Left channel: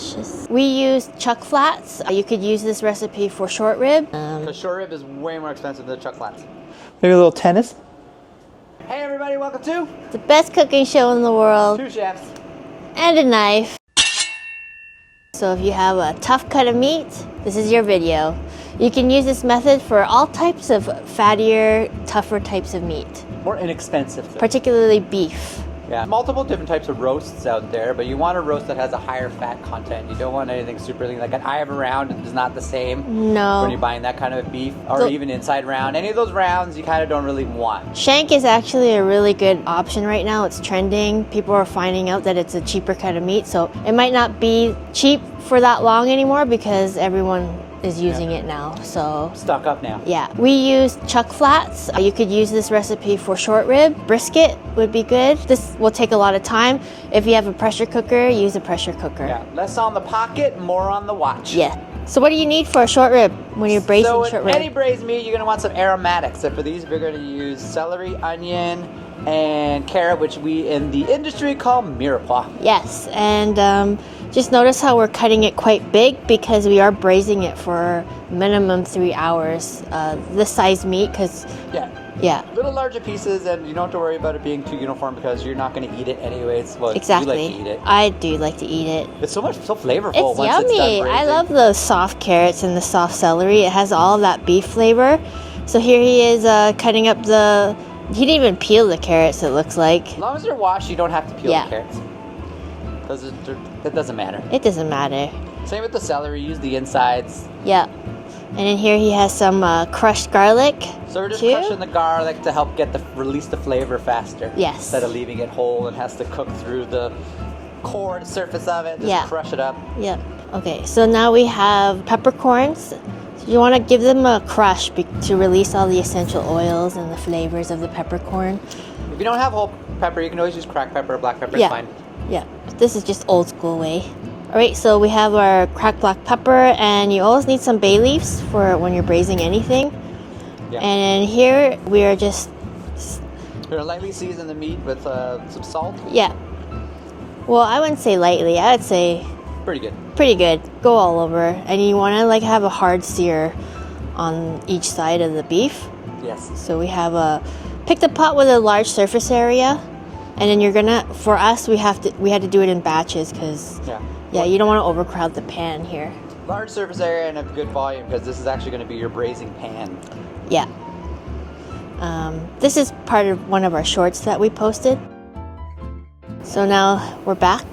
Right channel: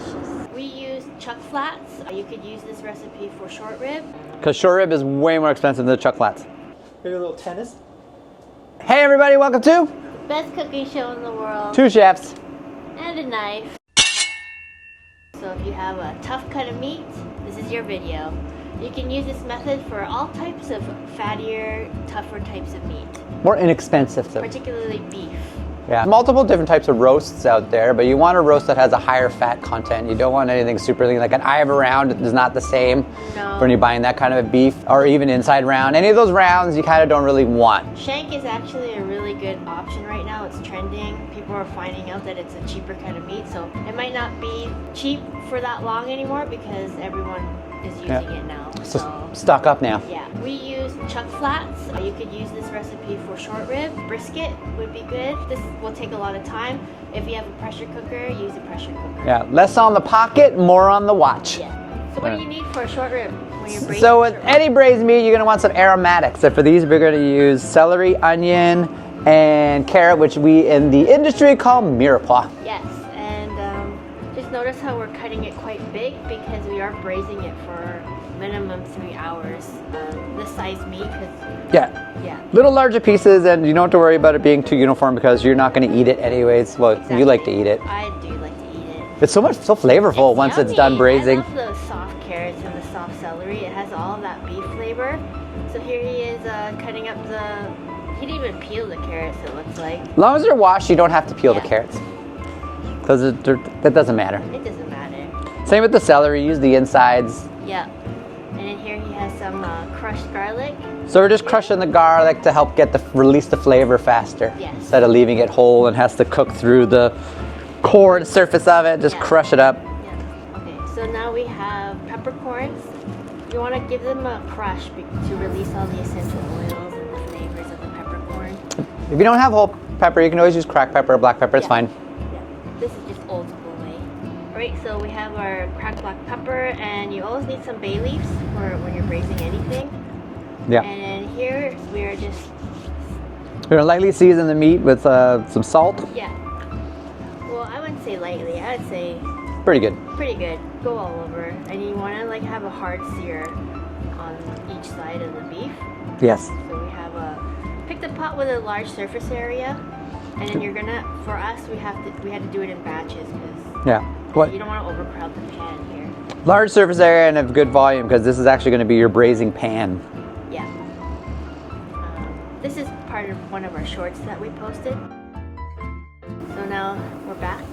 delicious. We use chuck flats. You could use this recipe for short rib. Because short rib is way more expensive than chuck flats. Maybe a little tennis. Hey everybody, welcome to the best cooking show in the world. 2 chefs. And a knife. So if you have a tough cut of meat, this is your video. You can use this method for all types of fattier, tougher types of meat. More inexpensive though. Particularly beef. Yeah, multiple different types of roasts out there, but you want a roast that has a higher fat content. You don't want anything super lean. Like an eye of a round is not the same No. when you're buying that kind of a beef, or even inside round. Any of those rounds you kind of don't really want. Shank is actually a really good option right now. It's trending. People are finding out that it's a cheaper cut of meat, so it might not be cheap for that long anymore because everyone is using it now. So stock up now. Yeah, we use chuck flats. You could use this recipe for short rib. Brisket would be good. This will take a lot of time. If you have a pressure cooker, use a pressure cooker. Yeah, less on the pocket, more on the watch. Yeah. So what do you need for a short rib when you're braising So short in rib? any braised meat, you're gonna want some aromatics. And for these, we're gonna use celery, onion, and carrot, which we in the industry call mirepoix. Yes, and just notice how we're cutting it quite big because we are braising it for minimum 3 hours. This size meat, because yeah, little larger pieces, and you don't have to worry about it being too uniform because you're not going to eat it anyways. Well, exactly. You like to eat it. I do like to eat it. It's so flavorful once yummy. it's done braising. I love the soft carrots and the soft celery. It has all of that beef flavor. So here he is cutting up the. He didn't even peel the carrots. It looks like. As long as they're washed, you don't have to peel the carrots. Because that doesn't matter. It doesn't matter. Same with the celery. Use the insides. Yeah. And in here he has some crushed garlic. So we're just crushing the garlic to help release the flavor faster. Yes. Instead of leaving it whole and has to cook through the core and surface of it. Just crush it up. Yeah. Okay, so now we have peppercorns. You want to give them a crush to release all the essential oils and the flavors of the peppercorn. If you don't have whole pepper, you can always use cracked pepper or black pepper. It's fine. Yeah. This is just old school way. All right, so we have our cracked black pepper, and you always need some bay leaves for when you're braising anything. Yeah. And here we are just... We're gonna lightly season the meat with some salt. Yeah. Well, I wouldn't say lightly. I would say... Pretty good. Pretty good. Go all over. And you want to like have a hard sear on each side of the beef. Yes. So we have pick the pot with a large surface area. And then you're gonna, for us, we had to do it in batches because you don't want to overcrowd the pan here. Large surface area and a good volume because this is actually going to be your braising pan. Yeah. This is part of one of our shorts that we posted. So now we're back.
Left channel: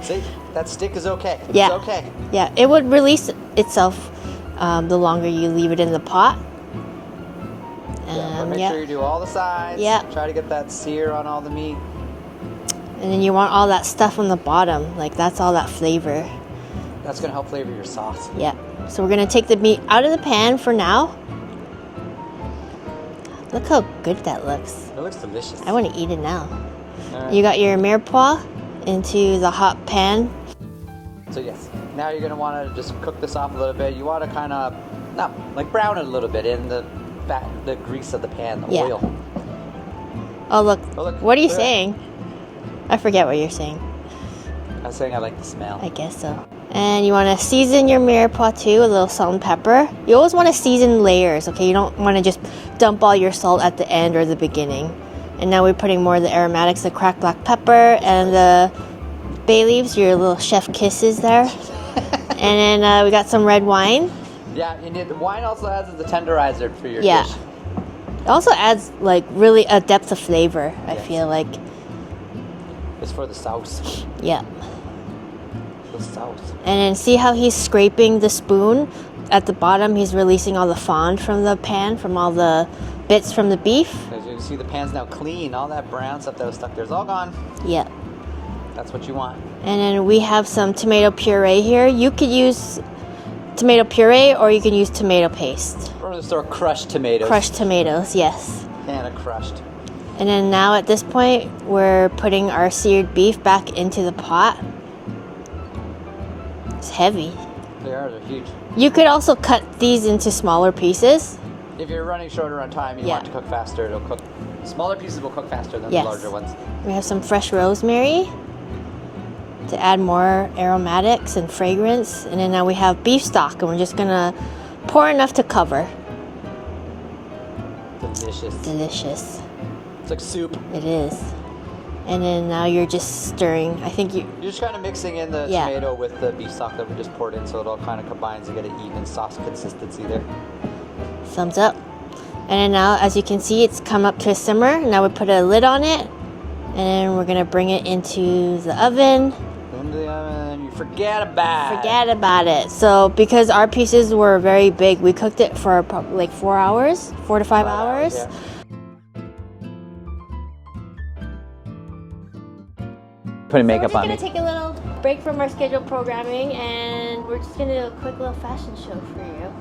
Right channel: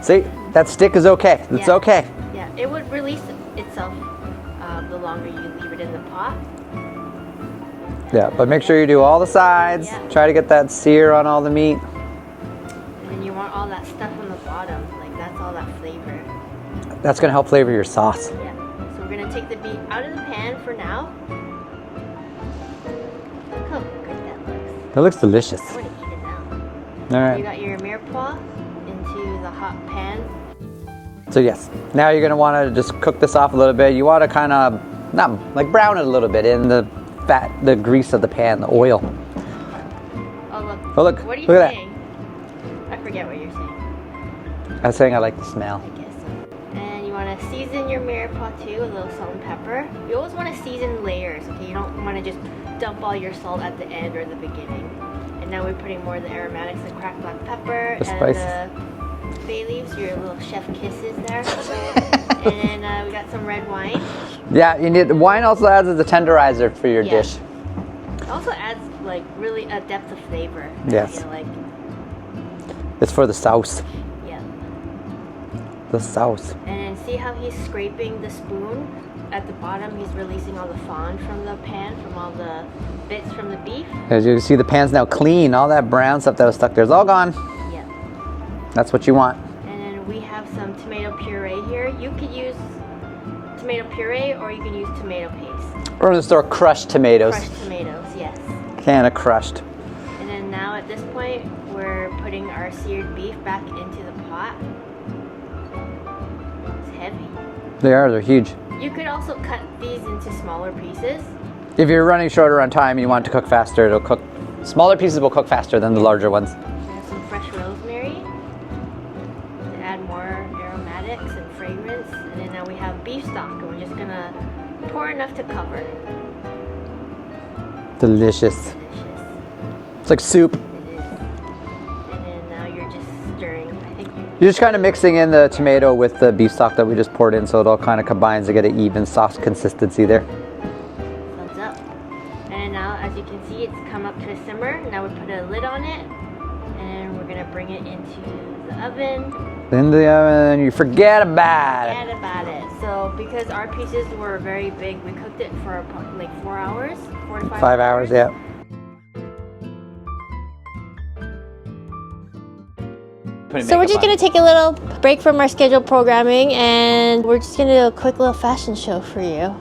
See, that stick is okay. It's okay. Yeah, it would release itself the longer you leave it in the pot. Yeah, but make sure you do all the sides. Yeah. Try to get that sear on all the meat. And then you want all that stuff on the bottom, like that's all that flavor. That's gonna help flavor your sauce. Yeah. So we're gonna take the meat out of the pan for now. Look how good that looks. That looks delicious. I want to eat it now. All right. You got your mirepoix into the hot pan. So yes, now you're gonna want to just cook this off a little bit. You want to kind of, not like brown it a little bit in the fat, the grease of the pan, the oil. Oh look. Oh look. What are you saying? I forget what you're saying. I was saying I like the smell. I guess so. And you want to season your mirepoix too with a little salt and pepper. You always want to season layers, okay? You don't want to just dump all your salt at the end or the beginning. And now we're putting more of the aromatics, the cracked black pepper and the bay leaves, your little chef kisses there. And then we got some red wine. Yeah, you need, wine also adds as a tenderizer for your dish. It also adds like really a depth of flavor, I feel like. It's for the sauce. Yeah. The sauce. And then see how he's scraping the spoon? At the bottom, he's releasing all the fond from the pan, from all the bits from the beef. As you can see, the pan's now clean. All that brown stuff that was stuck there is all gone. Yeah. That's what you want. And then we have some tomato puree here. You could use tomato puree or you can use tomato paste. Or in the store, crushed tomatoes. Crushed tomatoes, yes. Can of crushed. And then now at this point, we're putting our seared beef back into the pot. It's heavy. They're huge. You could also cut these into smaller pieces. If you're running shorter on time, you want it to cook faster, it'll cook. Smaller pieces will cook faster than the larger ones. We have some fresh rosemary. to add more aromatics and fragrance. And then now we have beef stock, and we're just gonna pour enough to cover. Delicious. Delicious. It's like soup. It is. And then now you're just stirring. I think You're just kind of mixing in the tomato with the beef stock that we just poured in, so it all kind of combines to get an even sauce consistency there. Thumbs up. And then now, as you can see, it's come up to a simmer. Now we put a lid on it, and then we're gonna bring it into the oven. In the oven, and you forget about it. So because our pieces were very big, we cooked it for like 4 hours, 4 to 5 hours. 5 hours, yeah. So we're just gonna take a little break from our scheduled programming, and we're just gonna do a quick little fashion show for you.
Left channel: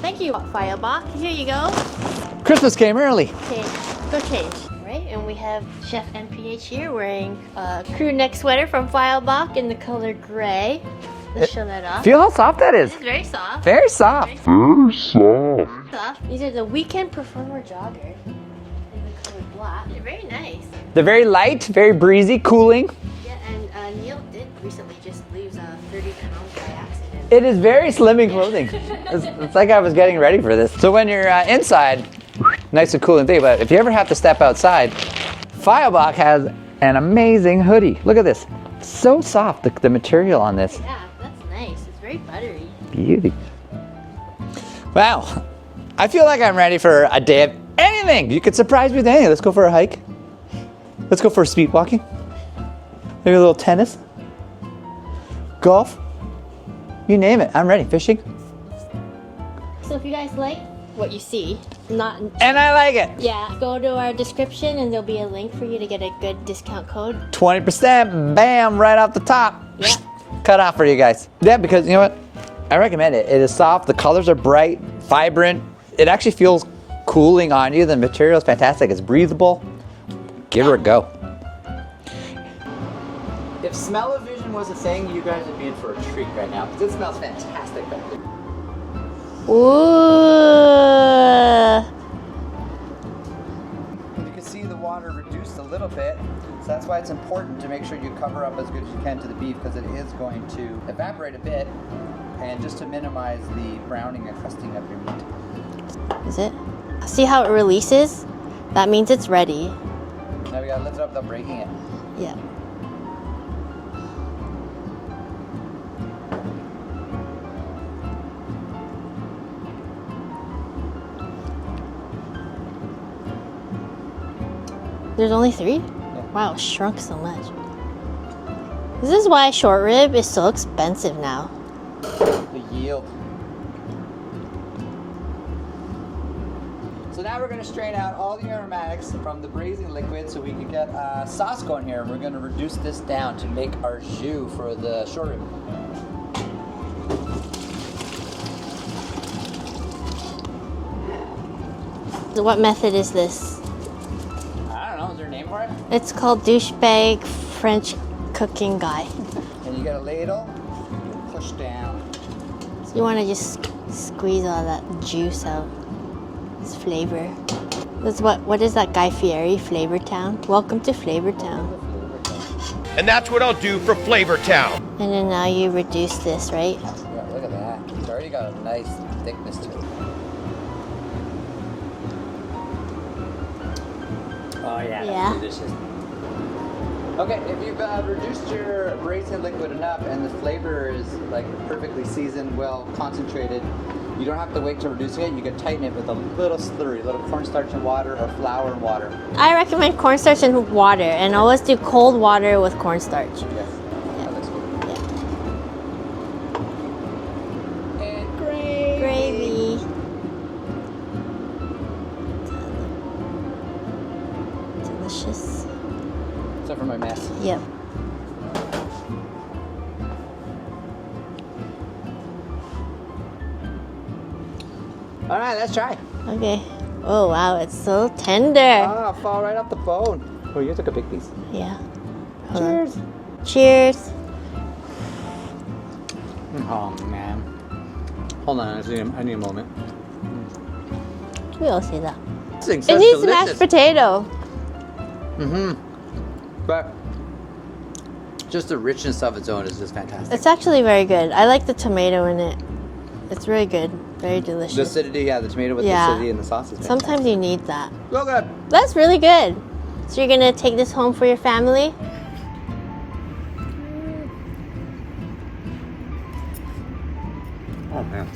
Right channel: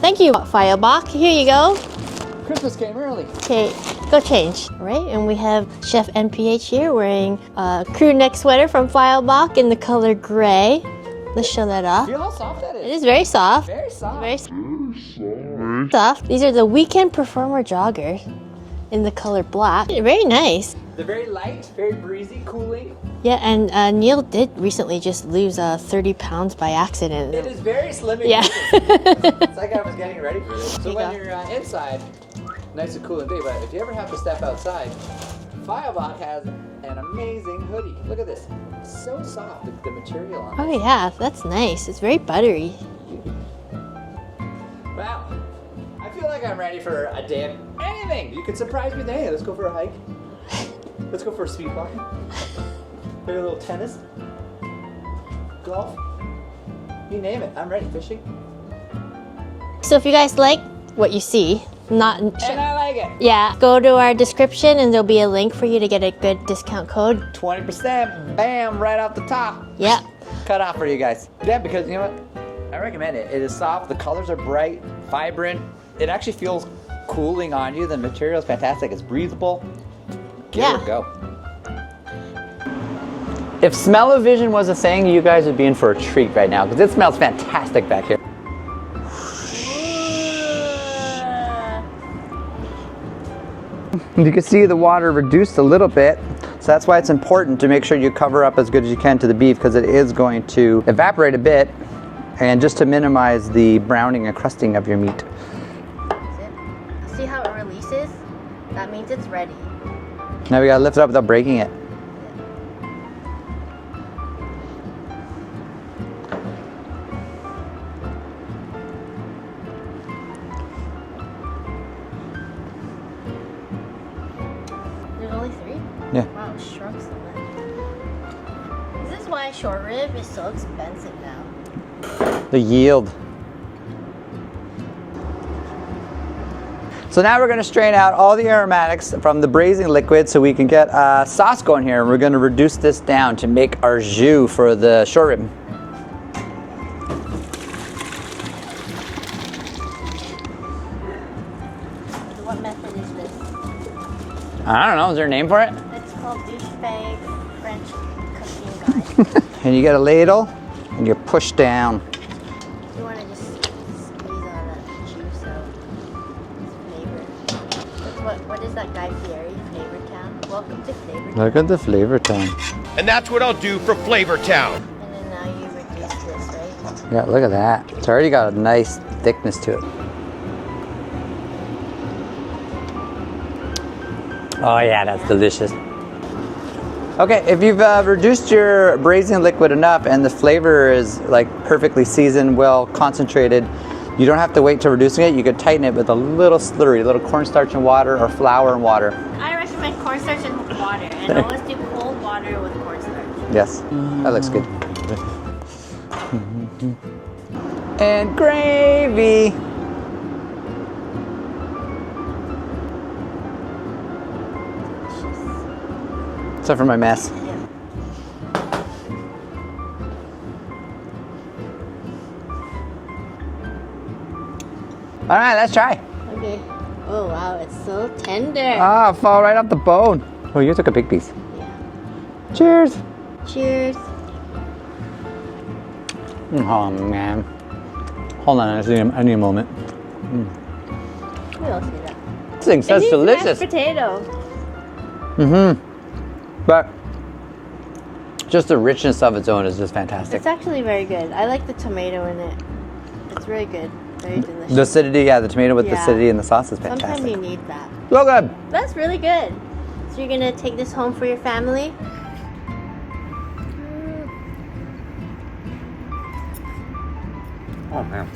Thank you, Feilbach. Here you go. Christmas came early. Okay, go change. Right, and we have Chef NPH here wearing a crew neck sweater from Feilbach in the color gray. Let's show that off. Feel how soft that is. It is very soft. Very soft. Very soft. Soft. These are the Weekend Performer joggers in the color black. Very nice. They're very light, very breezy, cooling. Yeah, and Neil did recently just lose 30 pounds by accident. It is very slimming clothing. It's like I was getting ready for this. So when you're inside, nice and cool, and think about it. If you ever have to step outside, Feilbach has an amazing hoodie. Look at this. So soft, the material on this. Oh yeah, that's nice. It's very buttery. Beauty. Wow. I feel like I'm ready for a day of anything. You could surprise me with anything. Let's go for a hike. Let's go for speed walking. Maybe a little tennis. Golf. You name it. I'm ready. Fishing. So if you guys like what you see, And I like it. Yeah, go to our description and there'll be a link for you to get a good discount code. 20%, bam, right off the top. Yeah. Cut off for you guys. Yeah, because you know what? I recommend it. It is soft, the colors are bright, vibrant. It actually feels cooling on you. The material is fantastic. It's breathable. Give her a go. If smell-o-vision was a thing, you guys would be in for a treat right now because it smells fantastic back here. Ooh. You can see the water reduced a little bit, so that's why it's important to make sure you cover up as good as you can to the beef because it is going to evaporate a bit, and just to minimize the browning and crusting of your meat. Is it? See how it releases? That means it's ready. Now we gotta lift it up without breaking it. Yeah. There's only 3? Yeah. Wow, it shrunk so much. This is why short rib is so expensive now. The yield. So now we're going to strain out all the aromatics from the braising liquid so we can get a sauce going here. We're going to reduce this down to make our jus for the short rib. So what method is this? I don't know, is there a name for it? It's called douchebag French cooking guy. And you get a ladle and you push down. So you want to just squeeze all that juice out. It's flavor. What is that Guy Fieri, Flavor Town? Welcome to Flavor Town. Welcome to Flavor Town. And that's what I'll do for Flavor Town. And then now you reduce this, right? Yeah, look at that. It's already got a nice thickness to it. Oh yeah, that's delicious. Okay, if you've reduced your braising liquid enough and the flavor is like perfectly seasoned, well concentrated, you don't have to wait till reducing it. You can tighten it with a little slurry, a little cornstarch and water or flour and water. I recommend cornstarch and water, and always do cold water with cornstarch. Yes, that looks good. And gravy. Delicious. Except for my mess. Yep. All right, let's try. Okay. Oh wow, it's so tender. Ah, fall right off the bone. Oh, you took a big piece. Yeah. Cheers. Cheers. Oh man. Hold on, I need a moment. We all say that. This thing's It needs delicious. mashed potato. Mm-hmm. But just the richness of its own is just fantastic. It's actually very good. I like the tomato in it. It's really good. Very delicious. The acidity, yeah, the tomato with the acidity in the sauce is fantastic. Sometimes you need that. So good. That's really good. So you're gonna take this home for your family? Oh man.